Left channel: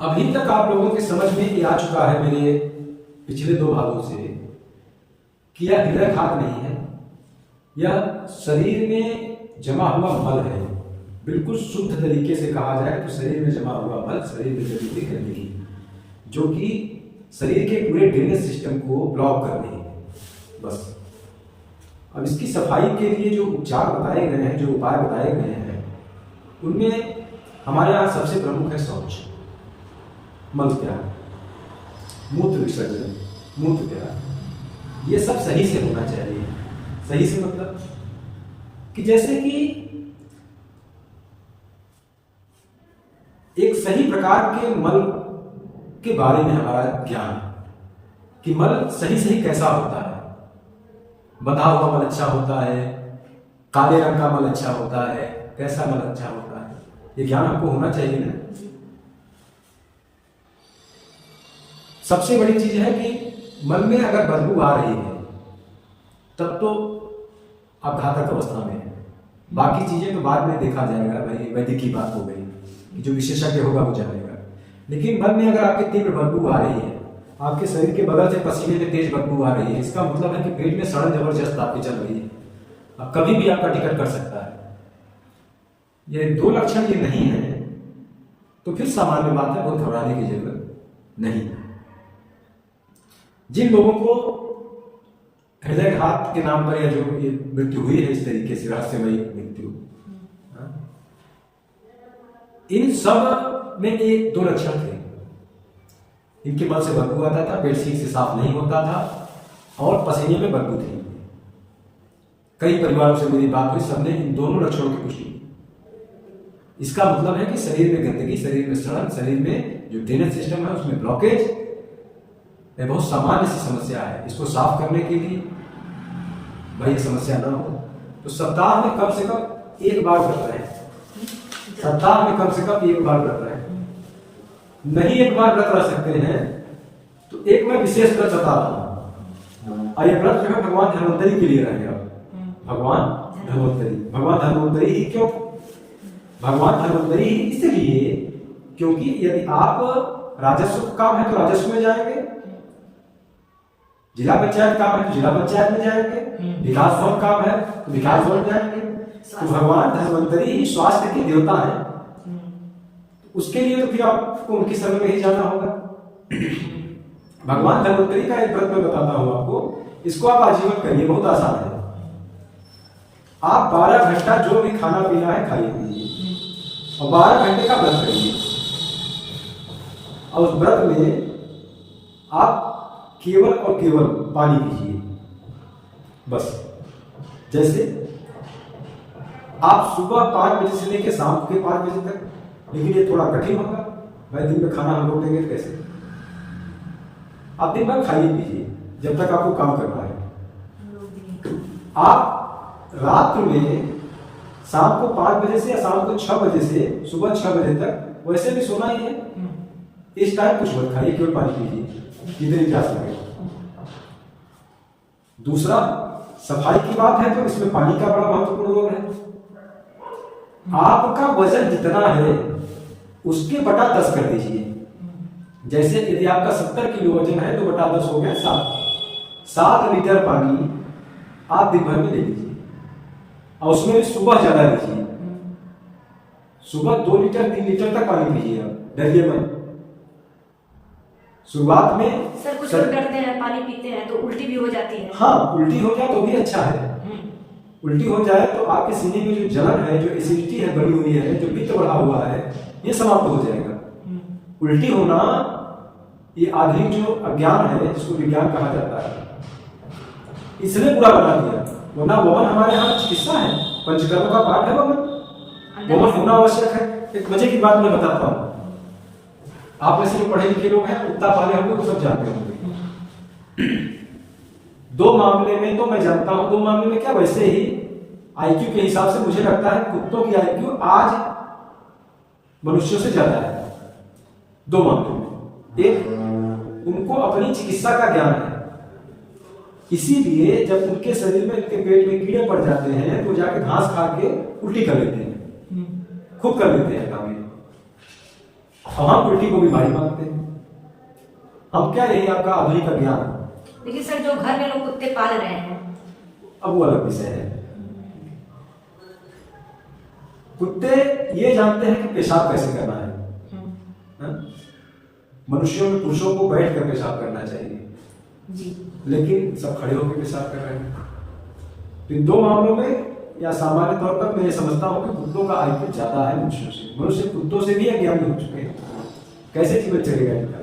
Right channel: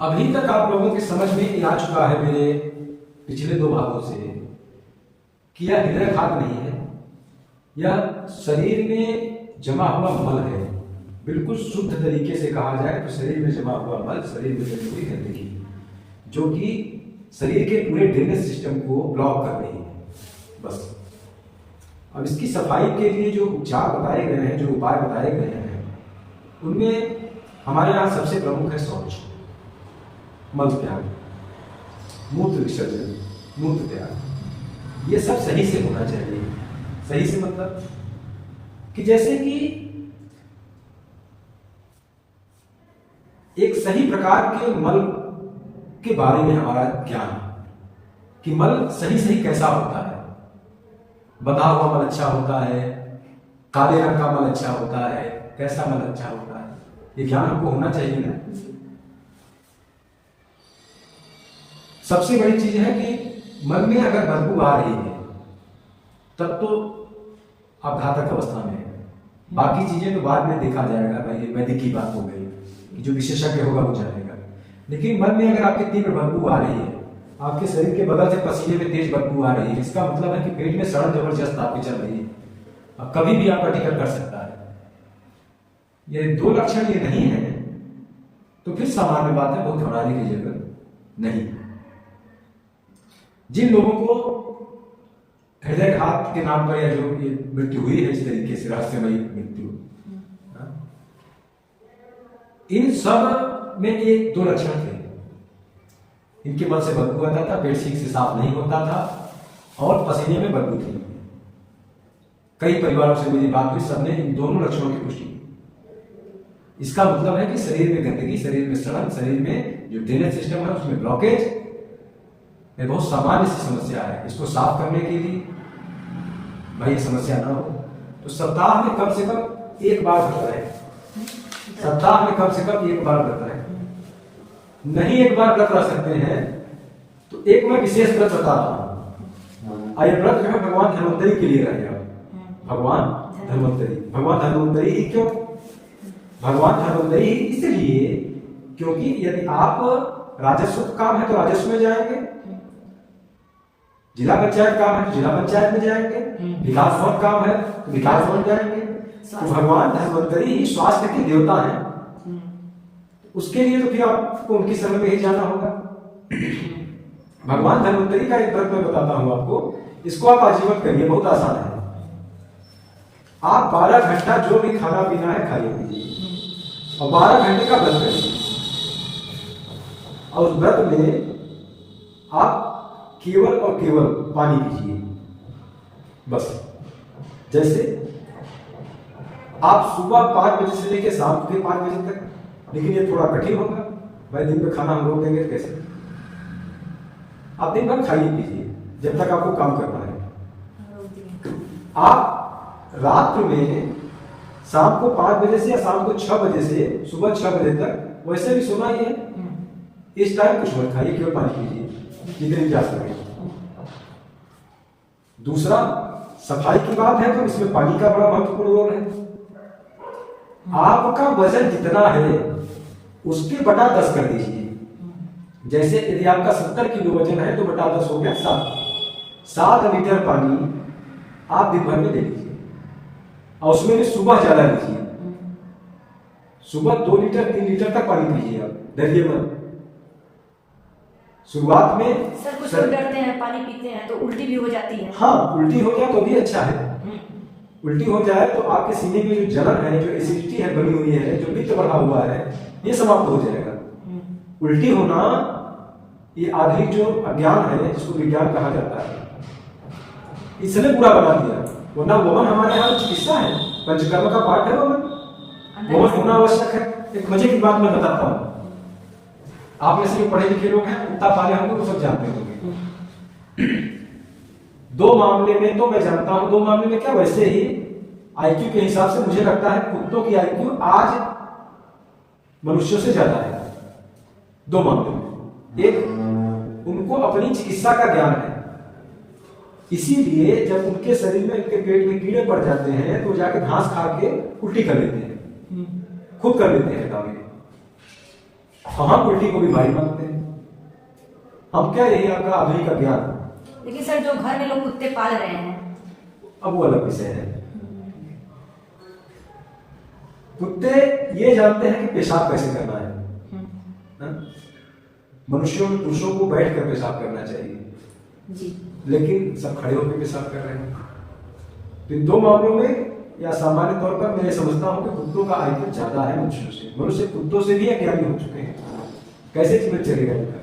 अभी तक आप लोगों के समझ में ये आ चुका है मेरे पिछले दो भागों से कि यह हृदय घात नहीं है, यह शरीर में जमा हुआ मल है। बिल्कुल शुद्ध तरीके से कहा जाए तो शरीर में जमा हुआ मल शरीर में जमी हुई गंदगी, जो कि शरीर के पूरे ड्रेनेज सिस्टम को ब्लॉक कर रही है। बस अब इसकी सफाई के लिए जो उपचार बताए गए हैं, जो उपाय बताए गए हैं, उनमें हमारे यहाँ सबसे प्रमुख है शौच, मल त्याग, मूत्र विसर्जन, मूत्र त्याग। ये सब सही से होना चाहिए। सही से मतलब कि जैसे कि एक सही प्रकार के मल के बारे में हमारा ज्ञान, कि मल सही सही कैसा होता है। बंधा हुआ मल अच्छा होता है, काले रंग का मल अच्छा होता है, कैसा मल अच्छा होता है, ये ज्ञान हमको होना चाहिए ना। सबसे बड़ी चीज है कि मन में अगर बदबू आ रही है तब तो आप घातक अवस्था में है। बाकी चीजें तो बाद में देखा जाएगा, भाई वैदिक की बात हो गई कि जो विशेषज्ञ होगा वो जानेगा। लेकिन मन में अगर आपके तीव्र बदबू आ रही है, आपके शरीर के बगल से पसीने में तेज बदबू आ रही है, इसका मतलब है कि पेट में सड़न जबरदस्त आपके चल रही है। अब कभी भी आपका टिकट कर सकता है। ये दो लक्षण ये नहीं है तो फिर सामान्य बात है, बहुत घबराने की जरूरत नहीं। जिन लोगों को हृदयघात के नाम पर या जो ये मृत्यु हुई है इस तरीके से रहस्यमयी मृत्यु, इन सब में एक दो लक्षण थे। इनके मल से बदबू आता था, पेट ठीक से साफ नहीं होता था और पसीने में बदबू थी। कई परिवारों से मेरी बात हुई, सबने इन दोनों लक्षणों की पुष्टि की। इसका मतलब है कि शरीर में गंदगी, शरीर में सड़न, शरीर में जो ड्रेनेज सिस्टम है उसमें ब्लॉकेज, ये बहुत सामान्य सी समस्या है। इसको साफ करने के लिए भाई ये समस्या ना हो तो सप्ताह में कम से कम एक बार व्रत रहे। सप्ताह में कम से कम एक बार व्रत रहे। नहीं एक बार व्रत रह सकते हैं तो एक मैं विशेष व्रत बता रहा हूं। ये व्रत जो है भगवान धन्वंतरी के लिए रहेगा। भगवान धन्वंतरी ही क्यों? भगवान धन्वंतरी ही इसलिए क्योंकि यदि आप राजस्व काम है तो राजस्व में जाएंगे, जिला पंचायत काम है तो जिला पंचायत में जाएंगे, विकास भवन काम है तो विकास भवन जाएंगे। तो भगवान धन्वंतरी ही स्वास्थ्य के देवता है। उसके लिए तो फिर आपको उनकी शरण में ही जाना होगा। भगवान धन्वंतरी का एक व्रत मैं बताता हूं आपको, इसको आप आजीवन करिए, बहुत आसान है। आप 12 घंटा जो भी खाना पीना है खाइए पीजिए और 12 घंटे का व्रत करिए। और उस व्रत में आप केवल और केवल पानी पीजिए। बस जैसे आप सुबह 5 बजे से लेकर शाम के 5 बजे तक, लेकिन ये थोड़ा कठिन होगा भाई, दिन में खाना हम रोक देंगे कैसे? आप दिन भर खाइए पीजिए जब तक आपको काम करना है। आप रात में शाम को 5 बजे से या शाम को 6 बजे से सुबह 6 बजे तक वैसे भी सोना ही है। इस टाइम कुछ मत खाइए, केवल पानी पीजिए जितनी प्यास लगे। दूसरा, सफाई की बात है तो इसमें पानी का बड़ा महत्वपूर्ण रोल है। आपका वजन जितना है उसके बटा 10 कर दीजिए। जैसे यदि आपका 70 किलो वजन है तो बटा 10 हो गया 7 लीटर पानी आप दिन भर में ले लीजिए। और उसमें भी सुबह ज्यादा लीजिए। सुबह 2 लीटर 3 लीटर तक पानी पीजिए। आप डरिए मत। शुरुआत में कुछ लोग डरते हैं, पानी पीते हैं तो उल्टी भी हो जाती है। हाँ, उल्टी हो जाए तो भी अच्छा है। उल्टी हो जाए तो आपके सीने में जो जलन है, जो एसिडिटी है बनी हुई है, जो पित्त बढ़ा हुआ है, ये समाप्त हो जाएगा। उल्टी होना ये आधुनिक जो अज्ञान है, जिसको विज्ञान कहा जाता है, इसने बुरा बना दिया। वरना वमन हमारे यहाँ चिकित्सा है, पंचकर्म का पाठ है। वमन होना आवश्यक है। एक मजे की बात मैं बताता हूँ। आप में से जो पढ़े लिखे लोग हैं, कुत्ता पाले होंगे, वो सब जानते होंगे। 2 मामले में तो मैं जानता हूं, 2 मामले में क्या, वैसे ही आईक्यू के हिसाब से मुझे लगता है कुत्तों की आईक्यू आज मनुष्यों से ज्यादा है। 2 मामले में, एक उनको अपनी चिकित्सा का ज्ञान है, इसीलिए जब उनके शरीर में, उनके पेट में कीड़े पड़ जाते हैं तो जाके घास खा के उल्टी कर लेते हैं, खुद कर लेते हैं काम। और हम उल्टी को भी भारी मानते हैं। हम क्या, यही आपका आधुनिक अज्ञान। लेकिन सर जो घर में लोग कुत्ते पाल रहे हैं, अब वो अलग विषय है। कुत्ते ये जानते हैं कि पेशाब कैसे करना है। मनुष्यों में, पुरुषों को बैठ कर पेशाब करना चाहिए जी, लेकिन सब खड़े होकर पेशाब कर रहे हैं। तो इन दो मामलों में, या सामान्य तौर पर मैं समझता हूं कि कुत्तों का आईक्यू ज्यादा है मनुष्यों से। मनुष्य कुत्तों से भी अज्ञानी हो चुके हैं। कैसे जीवन चलेगा इनका?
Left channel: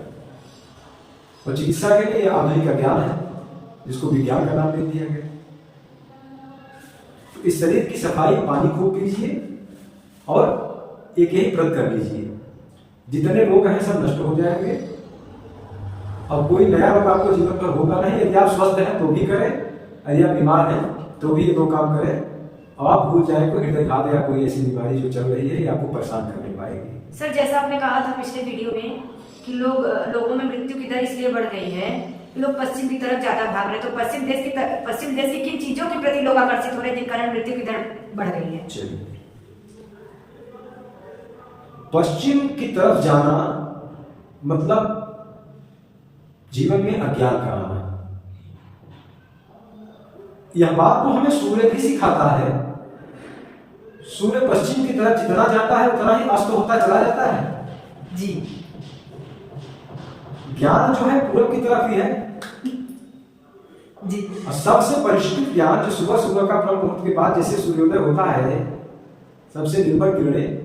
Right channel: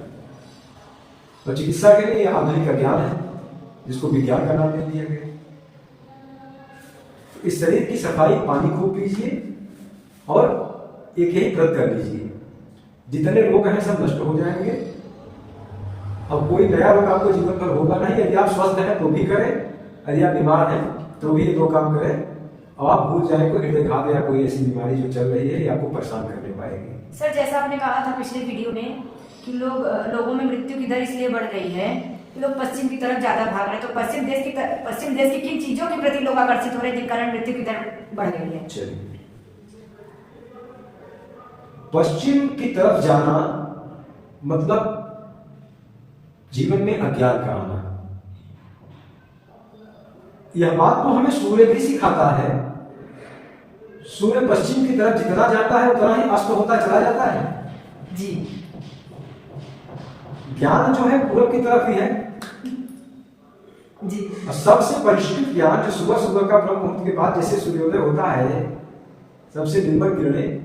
और चिकित्सा के लिए यह आधुनिक अज्ञान है, जिसको विज्ञान का नाम दे दिया गया। तो इस शरीर की सफाई, पानी खूब पीजिए और एक यही व्रत कर लीजिए, जितने रोग हैं सब नष्ट हो जाएंगे और कोई नया रोग आपको जीवन पर होगा नहीं। यदि आप स्वस्थ हैं तो भी करें, यदि आप बीमार हैं तो भी ये दो काम करें, और आप भूल जाए कोई हृदयघात या कोई ऐसी बीमारी जो चल रही है, ये आपको परेशान करने पाएगी। सर जैसा आपने कहा था पिछले वीडियो में कि लोगों में मृत्यु की दर इसलिए बढ़ गई है कि लोग पश्चिम की तरफ ज्यादा भाग रहे हैं, तो पश्चिम देश की किन चीजों के प्रति लोग आकर्षित हो रहे हैं जिन कारण मृत्यु की दर बढ़ गई है? चलिए, पश्चिम की तरफ जाना मतलब जीवन में अज्ञान का आना। यह बात तो हमें सूर्य भी सिखाता है। सूर्य पश्चिम की तरफ जितना जाता है उतना ही अस्त होता चला जाता है जी। ज्ञान जो है पूरब की तरफ ही है जी। और सबसे परिष्कृत ज्ञान जो सुबह सुबह का ब्रह्म मुहूर्त के बाद जैसे सूर्योदय होता है, सबसे निर्मल किरणें,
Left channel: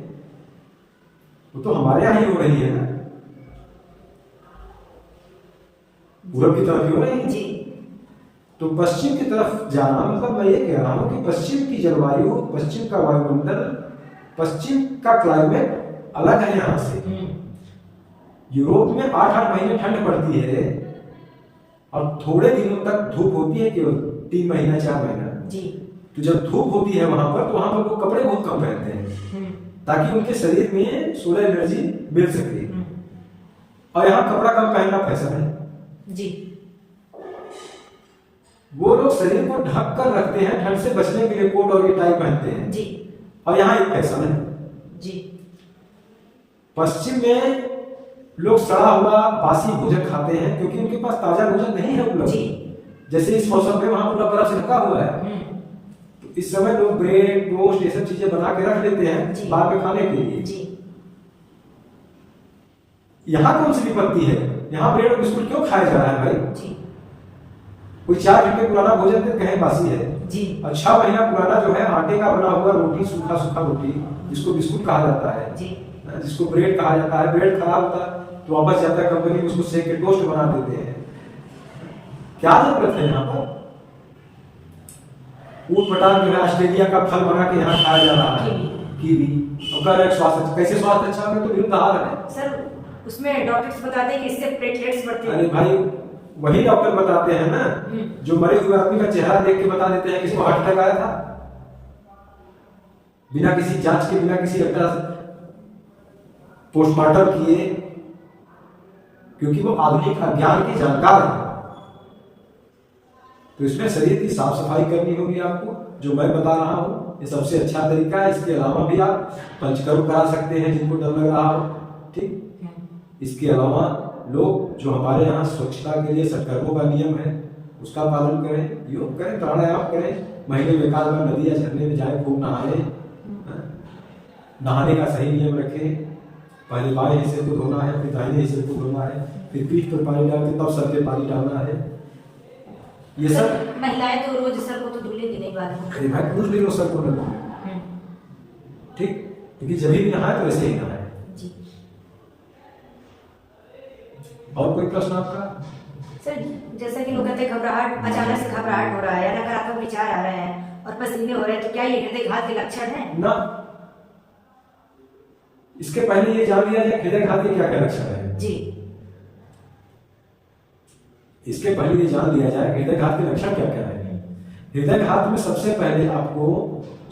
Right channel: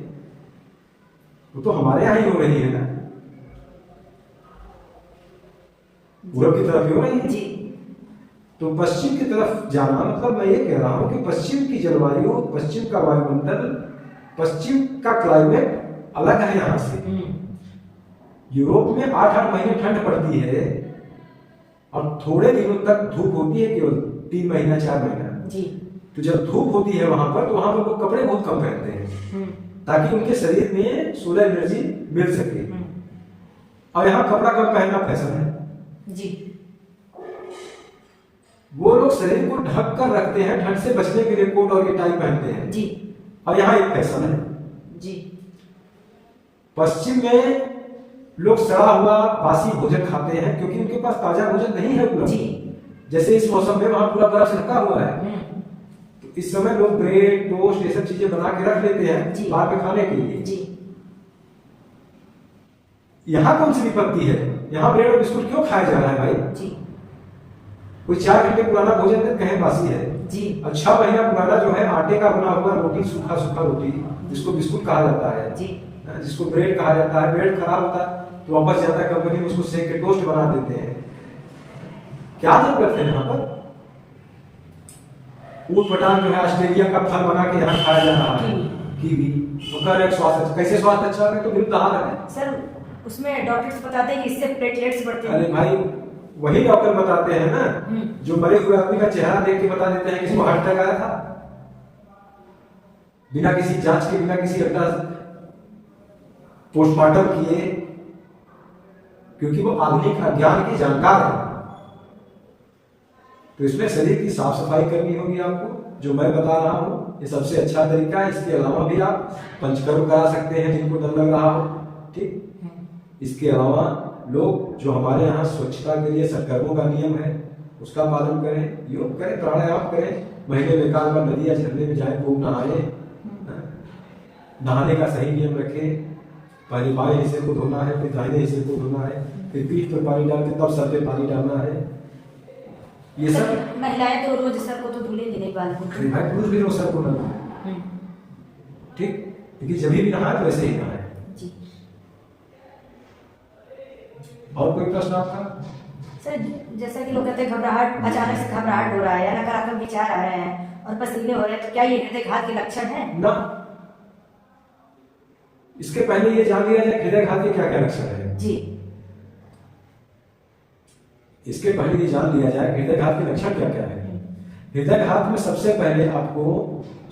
वो तो हमारे यहां ही हो रही है ना, पूरब की तरफ ही हो रही है। जी। तो पश्चिम की तरफ जाना मतलब मैं ये कह रहा हूं कि पश्चिम की जलवायु, पश्चिम का वायुमंडल, पश्चिम का क्लाइमेट अलग है यहां से। यूरोप में 8-8 महीने ठंड पड़ती है और थोड़े दिनों तक धूप होती है, केवल 3 महीना 4 महीना जी। तो जब धूप होती है वहां पर, तो वहां पर लोग कपड़े बहुत कम पहनते हैं ताकि उनके शरीर में सोलर एनर्जी मिल सके। और यहाँ कपड़ा कम पहनना फैशन है जी। वो लोग शरीर को ढक कर रखते हैं, ठंड से बचने के लिए कोट और ये टाई पहनते हैं जी। और यहाँ एक फैशन है जी। पश्चिम में लोग सड़ा हुआ बासी भोजन खाते हैं क्योंकि उनके पास ताजा भोजन नहीं है उपलब्ध। जैसे इस मौसम में वहां पूरा बर्फ से ढका हुआ है, तो इस समय लोग ब्रेड, टोस्ट, ये सब चीजें बना के रख लेते हैं बाद में खाने के लिए। जी। यहाँ कौन सी विपत्ति है? यहाँ ब्रेड और बिस्कुट क्यों खाया जा रहा है भाई? जी। कोई 4 घंटे पुराना भोजन दे कहें बासी है जी। और 6 महीना पुराना जो है आटे का बना हुआ रोटी, सूखा सूखा रोटी, जिसको बिस्कुट कहा जाता है जी। जिसको ब्रेड कहा जाता है, ब्रेड खराब होता है तो वापस जाता है कंपनी में, उसको सेक के टोस्ट बना देते हैं। क्या जरूरत है? यहाँ पर ऊट पटांग जो है ऑस्ट्रेलिया का फल बना के यहाँ खाया जा रहा है, कीवी, और कह रहे स्वास्थ्य कैसे स्वास्थ्य अच्छा है, तो विरुद्ध आहार है सर। उसमें डॉक्टर्स बताते हैं कि इससे प्लेटलेट्स बढ़ते हैं। अरे भाई, वही डॉक्टर बताते हैं ना जो मरे हुए आदमी का चेहरा देख के बता देते हैं किसी को हार्ट अटैक आया था, बिना किसी जांच के, बिना किसी पोस्टमार्टम किए, क्योंकि वो आधुनिक अज्ञान के जानकार है। तो इसमें शरीर की साफ सफाई करनी होगी आपको, जो मैं बता रहा हूं ये सबसे अच्छा तरीका है। इसके अलावा भी आप पंचकर्म करा सकते हैं जिनको डर लग रहा हो, ठीक। इसके अलावा लोग जो हमारे यहाँ स्वच्छता के लिए सत्कर्मों का नियम है उसका पालन करें, योग करें, प्राणायाम करें, महीने में 1 बार नदी या झरने में जाए, खूब नहाए, नहाने का सही नियम रखें। पहले बाएं हिस्से को धोना है, फिर दाहिने हिस्से को धोना है, फिर पीठ पर पानी डाल के तब सर पे पानी डालना है। ये सब महिलाएं तो रोज सर को तो धुलेंगी नहीं बाल को। अरे भाई, पुरुष भी रोज सर को न धोए, ठीक, क्योंकि जब भी नहाए तो ऐसे ही नहाए। और कोई प्रश्न आपका? सर जैसा कि लोग कहते हैं घबराहट, अचानक से घबराहट हो रहा है, नकारात्मक विचार आ रहे हैं और पसीने हो रहे हैं, तो क्या ये हृदयघात के लक्षण है? ना, इसके पहले ये जान लिया जाए हृदयघात के क्या क्या लक्षण है जी। इसके पहले ये जान लिया जाए हृदयघात के लक्षण क्या क्या है। हृदयघात में सबसे पहले आपको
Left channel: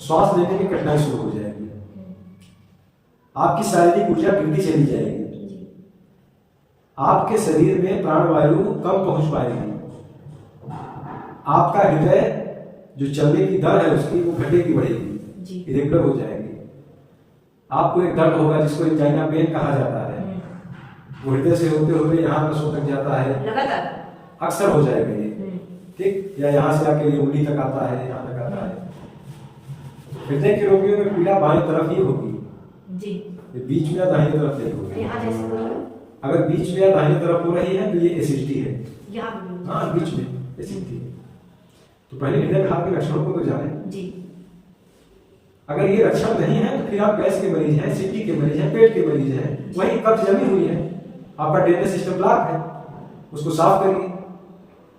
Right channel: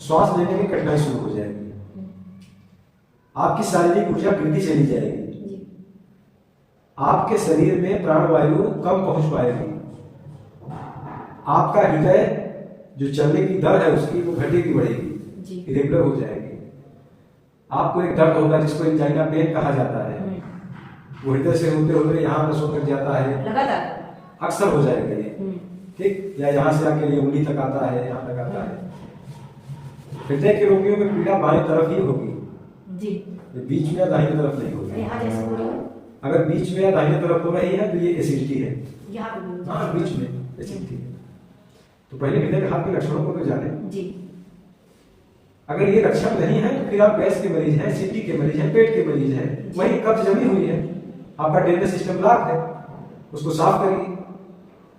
श्वास लेने की कठिनाई शुरू हो जाएगी, आपकी शारीरिक ऊर्जा गिरती चली जाएगी, आपके शरीर में प्राणवायु कम पहुंच पाएगी, आपका हृदय जो चलने की दर है उसकी वो घटेगी, बढ़ेगी, इरेगुलर हो जाएगी। आपको एक दर्द होगा जिसको एंजाइना पेन कहा जाता है, वो हृदय से होते होते यहाँ नसों तक जाता है, लगातार अक्सर हो जाएगा ये, ठीक, या यहाँ से आके ये उंगली तक आता है, यहाँ तक आता है। हृदय के रोगियों में पीड़ा बाएं तरफ ही होगी जी, ये बीच में या दाहिने तरफ नहीं होगी। यहाँ जैसे अगर बीच में या दाहिने तरफ हो रही है तो ये एसिडिटी है। यहाँ पे हाँ, बीच में एसिडिटी है। तो पहले हृदय घात के लक्षणों को तो जाने। जी, अगर ये लक्षण नहीं है तो फिर आप गैस के मरीज हैं, सीटी के मरीज हैं, पेट के मरीज हैं, वही कब्ज जमी हुई है, आपका ड्रेनेज सिस्टम ब्लॉक है, उसको साफ करिए।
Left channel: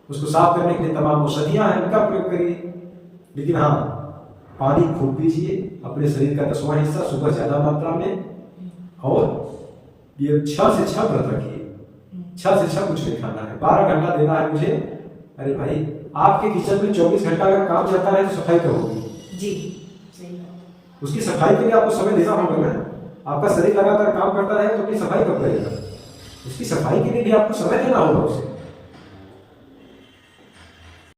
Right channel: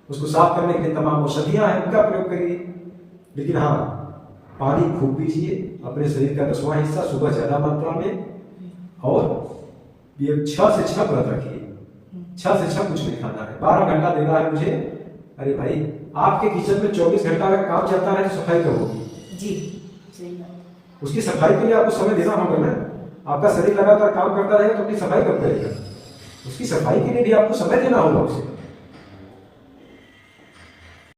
उसको साफ करने के लिए तमाम औषधियां हैं, उनका प्रयोग करिए। लेकिन हाँ, पानी खूब पीजिए, अपने शरीर का 10वां हिस्सा सुबह ज्यादा मात्रा में, और ये 6 से 6 व्रत रखिए। 6 से 6 कुछ नहीं खाना है, 12 घंटा देना है मुझे। अरे भाई, आपके किचन में 24 घंटा अगर काम चलता है तो सफाई कब होगी? जी, सही बात। उसकी सफाई के लिए आपको समय देना होगा ना। आपका शरीर लगातार काम करता रहेगा तो अपनी सफाई कब करेगा? उसकी सफाई के लिए भी आपको समय देना होगा उसे।